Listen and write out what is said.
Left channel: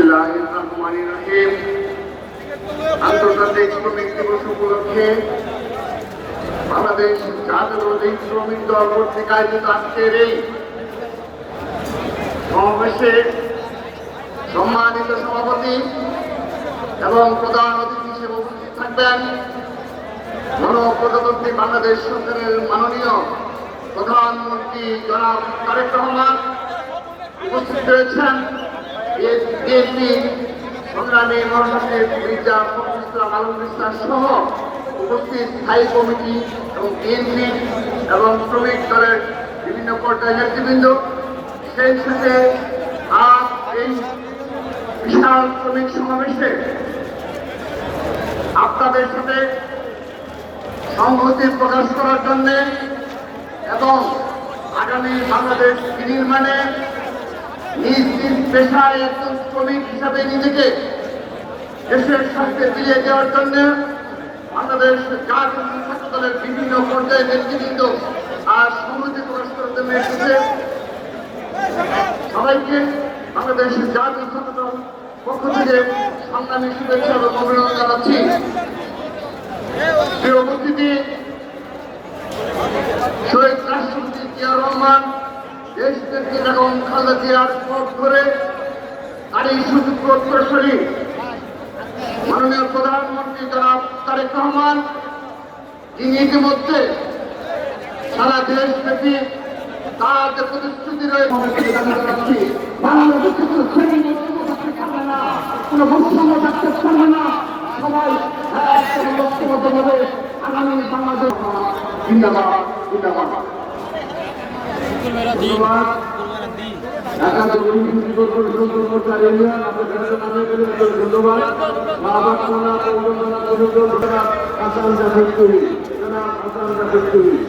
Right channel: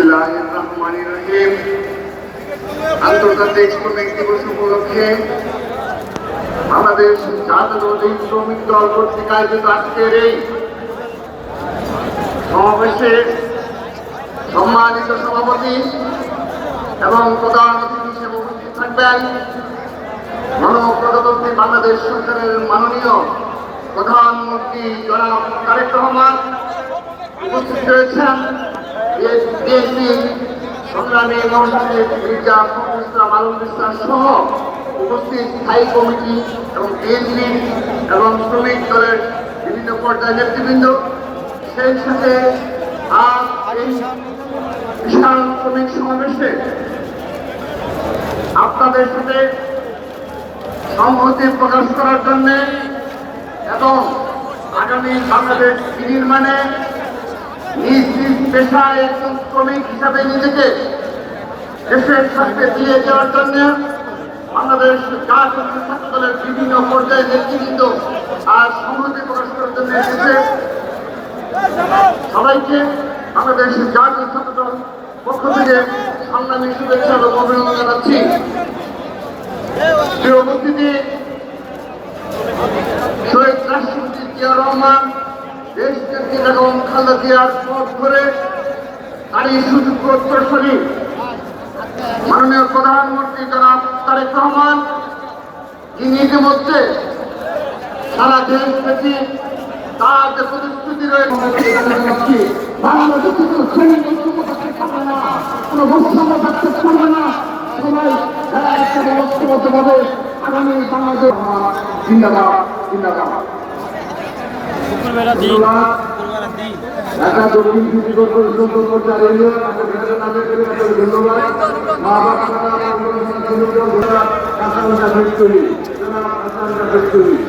বিসমিল্লাহির রহমানির রহিম। আন্তর্জাতিক শ্রমিক দিবস উপলক্ষে বাংলাদেশ জাতীয়তাবাদী শ্রমিক দল কর্তৃক আয়োজিত আজকের এই সমাবেশে সম্মানিত সভাপতি এবং প্রধান অতিথি হিসেবে উপস্থিত থাকবেন গণপ্রজাতন্ত্রী বাংলাদেশ সরকারের মাননীয় প্রধানমন্ত্রী জনাব তারেক রহমান। উপস্থিত রয়েছেন বিএনপি সংগ্রামী মহাসচিব মির্জা ফখরুল ইসলাম আলমগীর সহ উপস্থিত স্থায়ী কমিটি এবং বিএনপি এবং শ্রমিক দলের বিভিন্ন পর্যায়ের নেতৃবৃন্দ। সেই সাথে আজ এই বিশাল শ্রমিক সমাবেশে আপনাদের সাথে সংহতি প্রকাশ করার জন্য এবং আগামী বাংলাদেশ বিনির্মাণে নিজ নিজ পেশায় একজন শ্রমিক হিসাবে নিজেকে দেশের স্বার্থে দিয়ে দেওয়ার জন্য বাংলাদেশ জাতীয় ছাত্র দলের বিভিন্ন পর্যায়ে নেতৃবৃন্দ আর সংহতি প্রকাশ করার জন্য এসেছে। সবাইকে বাংলাদেশ জাতীয় ছাত্র দল পক্ষ থেকে সংগ্রামী শুভেচ্ছা এবং অভিনন্দন জানাচ্ছি। প্রিয় উপস্থিতি, শহীদ রাষ্ট্রপতি জিয়া রহমান দেশ থেকে বেগম খালেদা জিয়ার পথ ধরে তারই সুযোগ্য উত্তরসূরি মাননীয় প্রধানমন্ত্রী জনাব তারেক রহমান, যিনি ইতিমধ্যে সারা দেশ থেকে তার যে প্রতিশ্রুতি রয়েছে আগামী বাংলাদেশ জিন্দাবাদ জিন্দাবাদ। ঢাকা দক্ষিণ সিটি কর্পোরেশন কর্মচারী ইউনিয়ন ধন্যবাদ। হাসান জাফর চৌধুরী।